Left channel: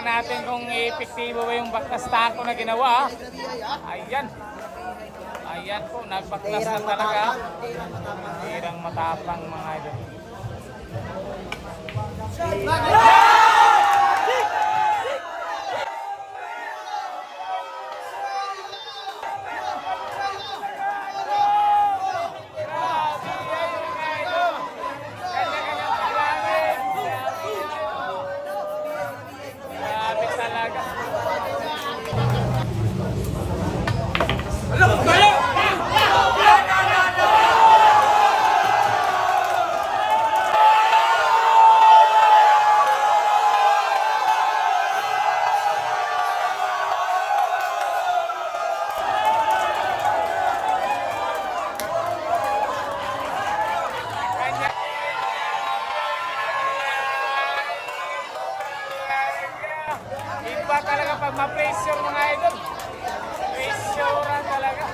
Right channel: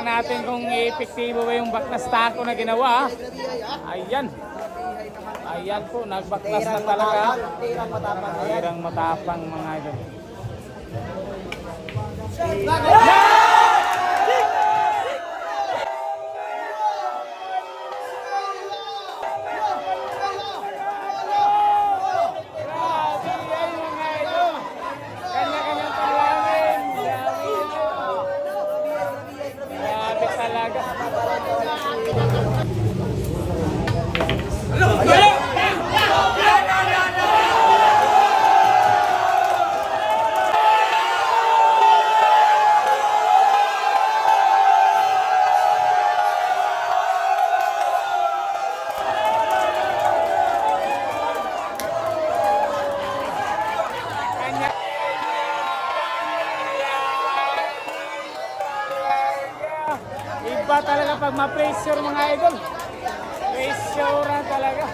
Tingnan natin kung epektibo ba yung baklas tako na ginawa. Ayan. Ayan po, nagbaklas na talaga. Tirang matapang mga ito. Iba talaga pag ma-pressure mga idol. Pressure na talaga.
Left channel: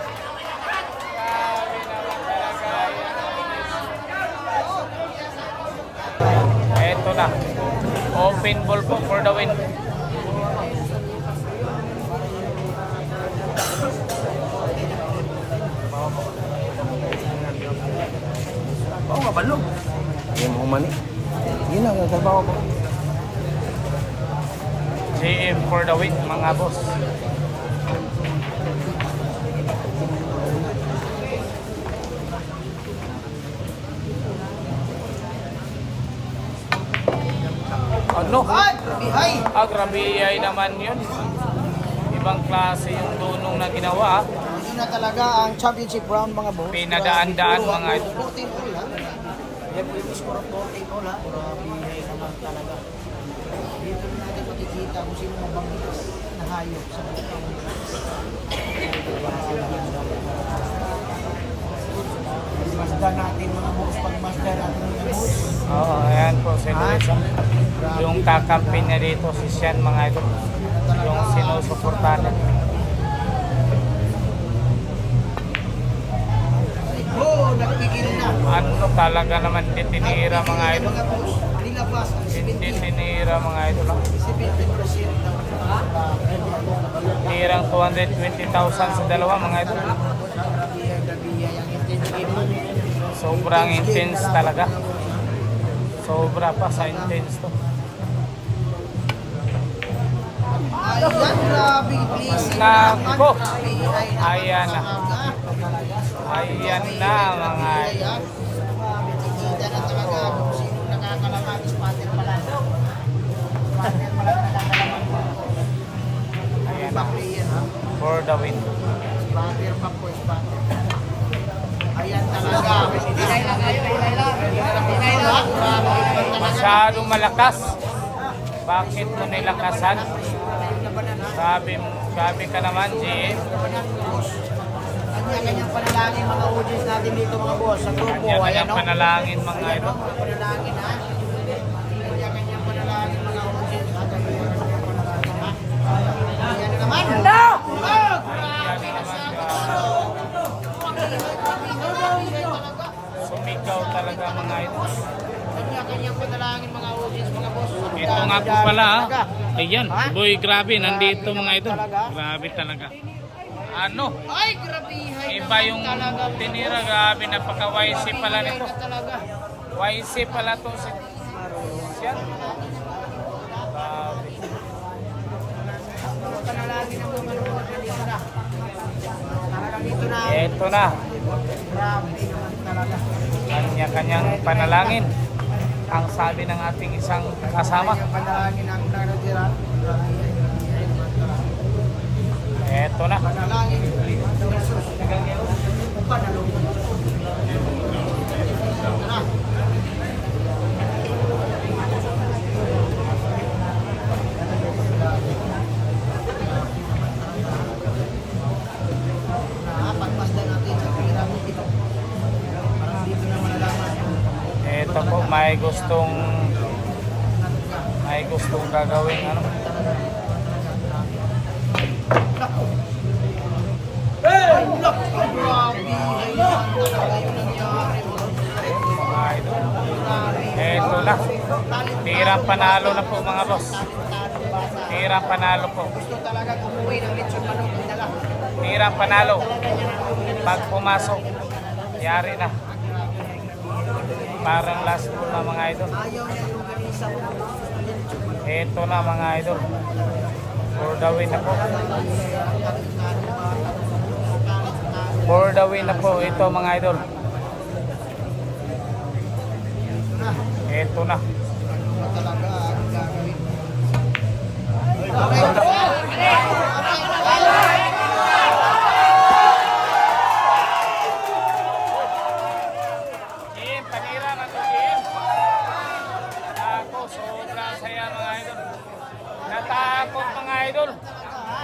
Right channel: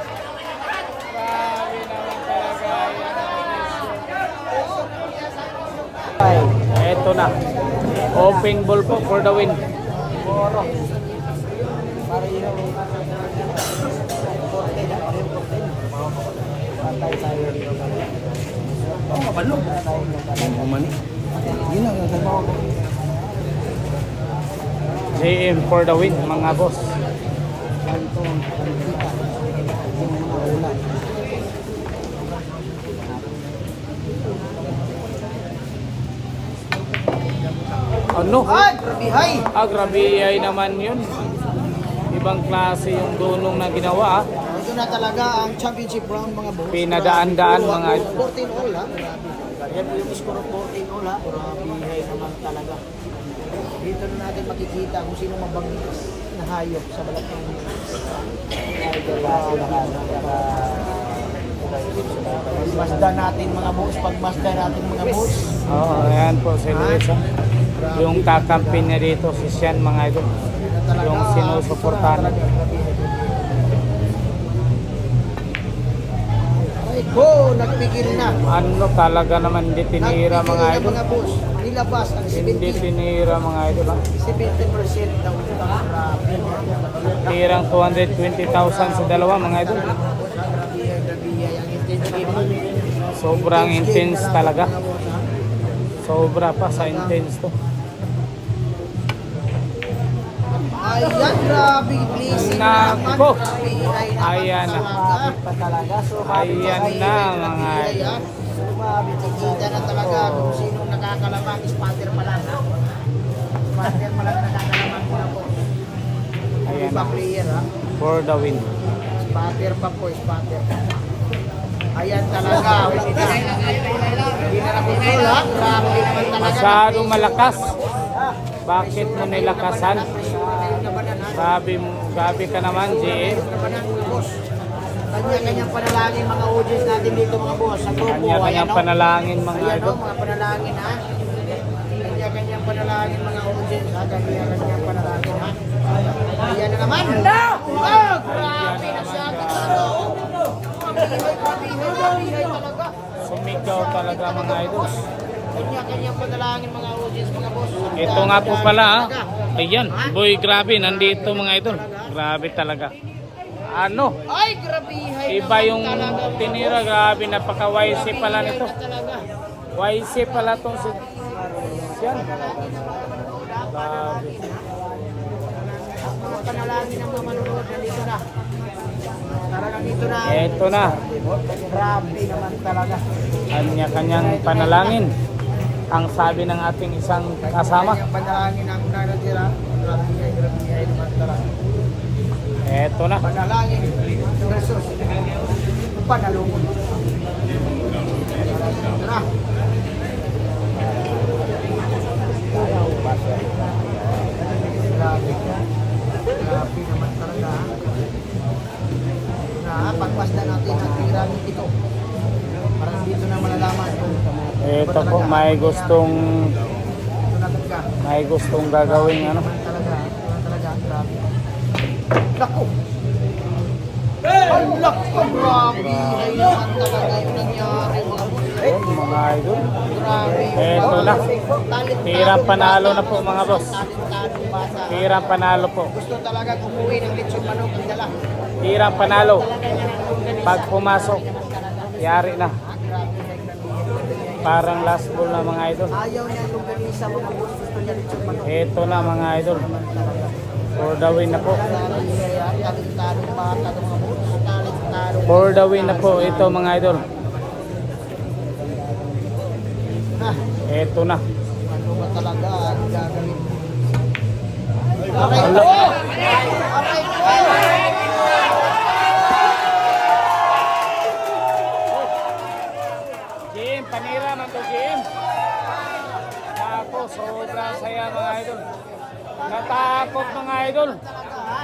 Grabe naman talaga. Ito na. Open ball for the win. Oo nga, balog. Yung humani. Yun lang yung trabaho ko. JM for the win mga boss. Ano? Grabe ay naman yun. Ibang klase yung tulong na ginawa. Ito na talaga ang championship round mga boss. Pinadaan-daan mga ito. 14 all ha. Yan yung score of 14 all ha. Grabe naman talaga. Dito na natin makikita kung sino mabangis na hayop sa malapang. Masdan natin mga boss. Pag masdan natin mga boss. Ayan po, yung kakampi na dito si Sean mga ito. Yung sinusuportahan. Go! Nagpigil na. Ano talaga naman hindi tinira mga ito. Mga boss. Nilabas ang Hindi tinira mga ito. 70% ng Tirang 220,000 sa dalawa mga ito. Sobrang intense talaga. Sobra pa sa intense to. Ayan, grabe, pleasing naman. Ayan na. Ayan na mga ito. Kita na talaga kung sino nakakalamang spatter pala. Spatter pala nakakalamang. Iba player ha. For the win. Spatter pa po, spatter. Ayan talaga. Pinay lang kayo, pinay lang. Pinay lang. Grabe naman talaga. Masyadong malakas. Bakit mo nilakasan? Sabi ka naman, JM. Kanya-kanyang panalangin mga audience natin dito mga boss sa grupo. Kanya-kanyang panalangin mga Ayan ito. o, mga panalangin ha. Kanya-kanyang panalangin mga audience ha. Kanya-kanyang panalangin ha. Ayan na naman. No! Oh, grabe na siya. Sumigaw talaga mga ito. Kanya-kanyang panalangin mga audience mga boss. Ito nga po pala. Ayan, boy grabe. Nandito mga ito. Grabe talaga. Ano? Ay, grabe. Iba yung tinira. Grabe. Napaka-YC pala nito. YC pala itong si Sean. Mga panalangin ng mga manonood nandito na. Talagang dito na. Ito na. Grabe naman talaga. Kanya-kanyang panalangin. Ang sabi ng ating isang kasama. Panalangin ang nanatira. Grabe naman talaga. Ito na. Panalangin. Jesus. Panalangin. Tara. Pagmasdan natin ang piramid ito. Para dito na malalaman. Ito po may gustong gagawin. Ay, naku, grabe. Ayan talaga yung nangyari. Ito na. Talit Tirang panalo na po mga boss. Tirang panalo po. Gusto talaga kumuwi ng lechon manok. Dinala. Tirang panalo. Pag pumasok, yari na. Parang last ball na mga idol. Ayaw niya yung ganisa mo. Gusto niya lechon manok. Ito na mga idol. For the win na po. For the win na po ito mga idol. Ito na. Talaga, ang gagawin. Jim, panira na to Jim. Ako, sobrang saya mga idol. Natakot mga idol.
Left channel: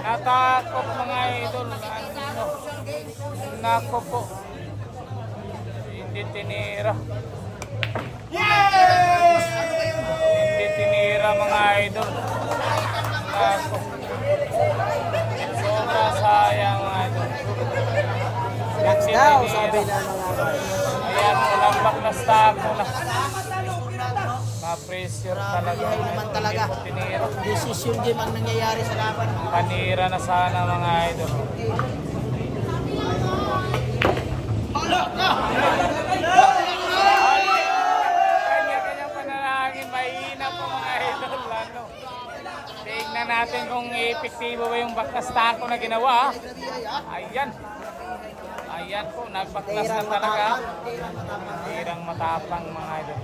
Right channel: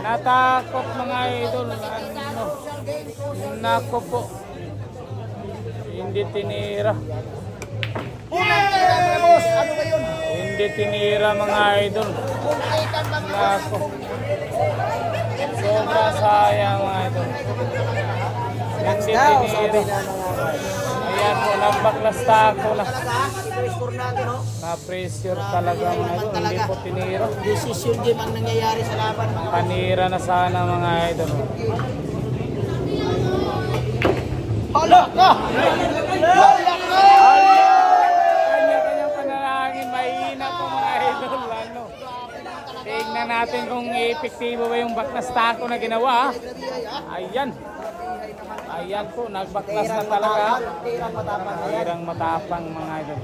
Natakot mga idol. Naku po. Hindi tinira. Yes! Ano ba yun? Hindi tinira mga idol. Naku. Sobrang sayang mga idol. Relax daw, sabi na mga guys. Ayan, nagpaklasta ako na. Fernando, no? Na-pressure Grabe talaga. yan naman talaga. Tinira. Decision game ang nangyayari sa laban. Panira na sana mga idol. Kanya-kanyang panalangin, mahina po mga idol. Ano? Tingnan natin kung epektibo ba yung baklas tako na ginawa. Ayan. Ayan po, nagbaklas na Tirang talaga. matapang. Tirang matapang. Tirang matapang mga idol.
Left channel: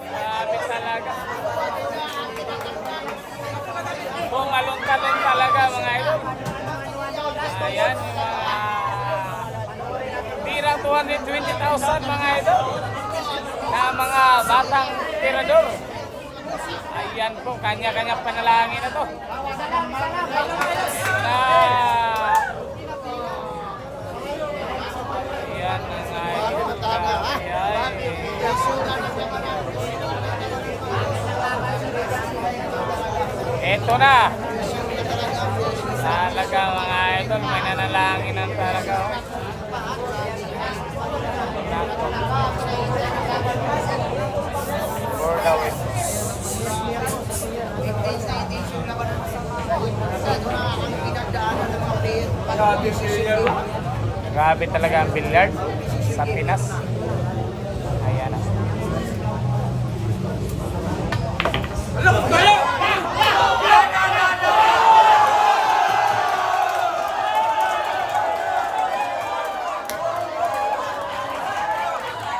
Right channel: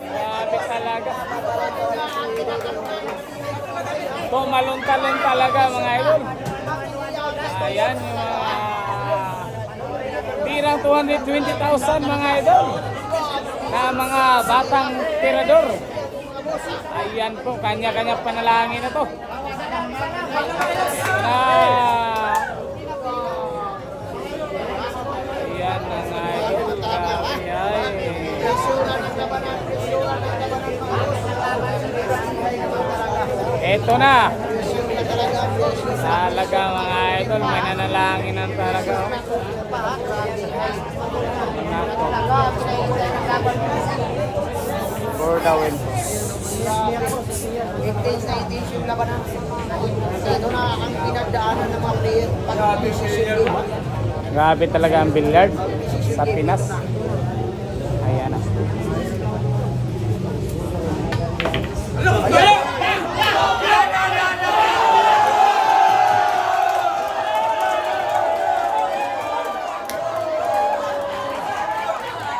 Grabe talaga. Maluntalan talaga mga idol. Ayan yung tirang 220,000 mga idol. Na mga batang tirador. Ayan po, kanya-kanya panalangin na to. Ayan na nga. Ito na. Talaga mga idol, may nanalangin ng talaga. Intense na intense yung labanan. Masyado na ang pinagdaanan ng mga player. Pag decision game. Grabe talaga ang billiard sa Pinas. Ayan.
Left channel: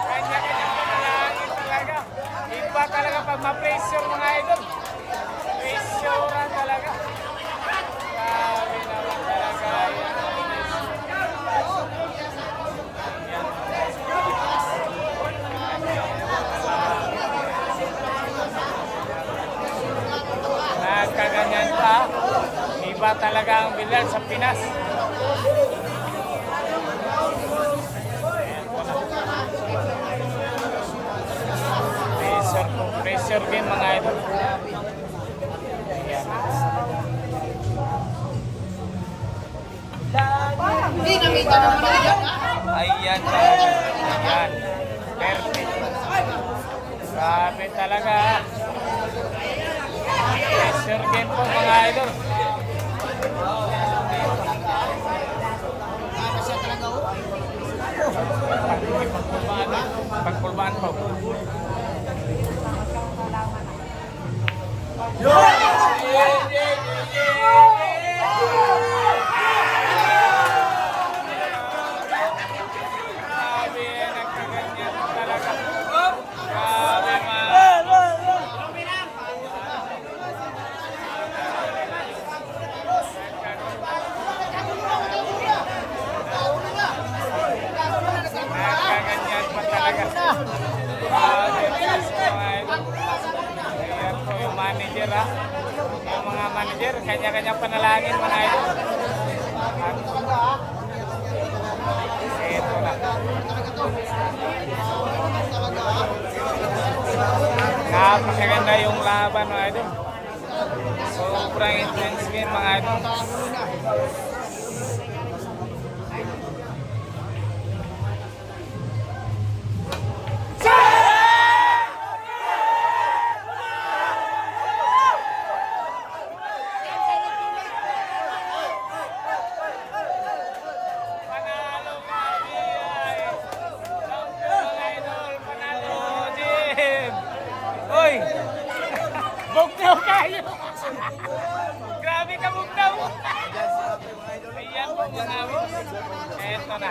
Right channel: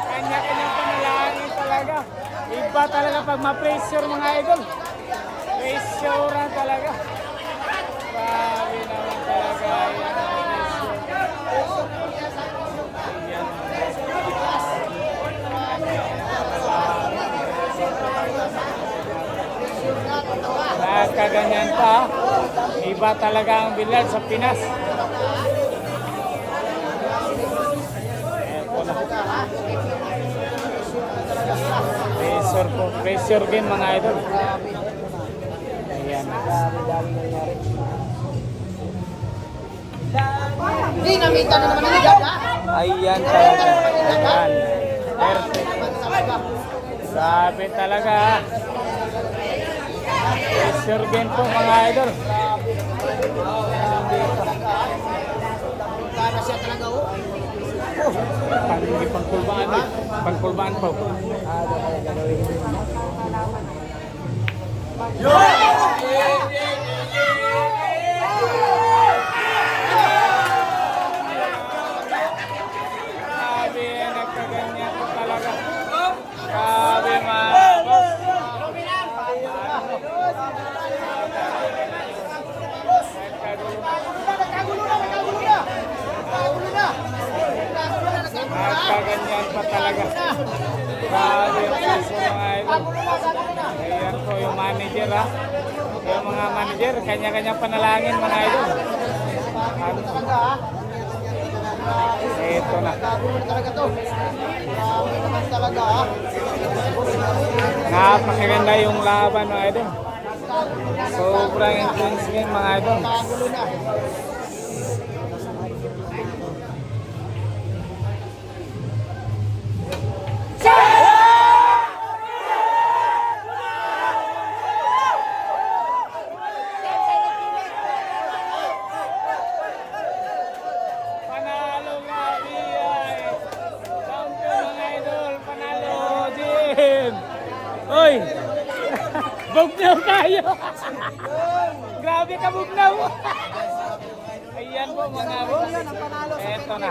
Kanya-kanyang panalangin talaga. Iba talaga pag ma-pressure mga idol. Pressure na talaga. Grabe naman talaga. Kaganyan pa. Iba talaga ang billiard sa Pinas. Pressure po. Pressure din mga idol. Hindi nakita ng maligat ha? Ayan. Ayan. Grabe talaga. Pressure din po mga idol. Para siya talaga oh. Pagpulbaan po. Grabe, nagkaganyan talaga. Grabe mga. Nagkaganyan po talaga. Grabe, mga idol. Ayan po yung manager ha. Yung mga manager, kanya-kanyang panalangin mga idol. Ito na. Talaga to. Talaga ha? Ayan. Nakagulo na. Panalo mga biyay. Champion mga idol. Panalo Jim. Uy! Bugnaw kayo! Grabe ka bugnaw! Ayan po mga. Eto na.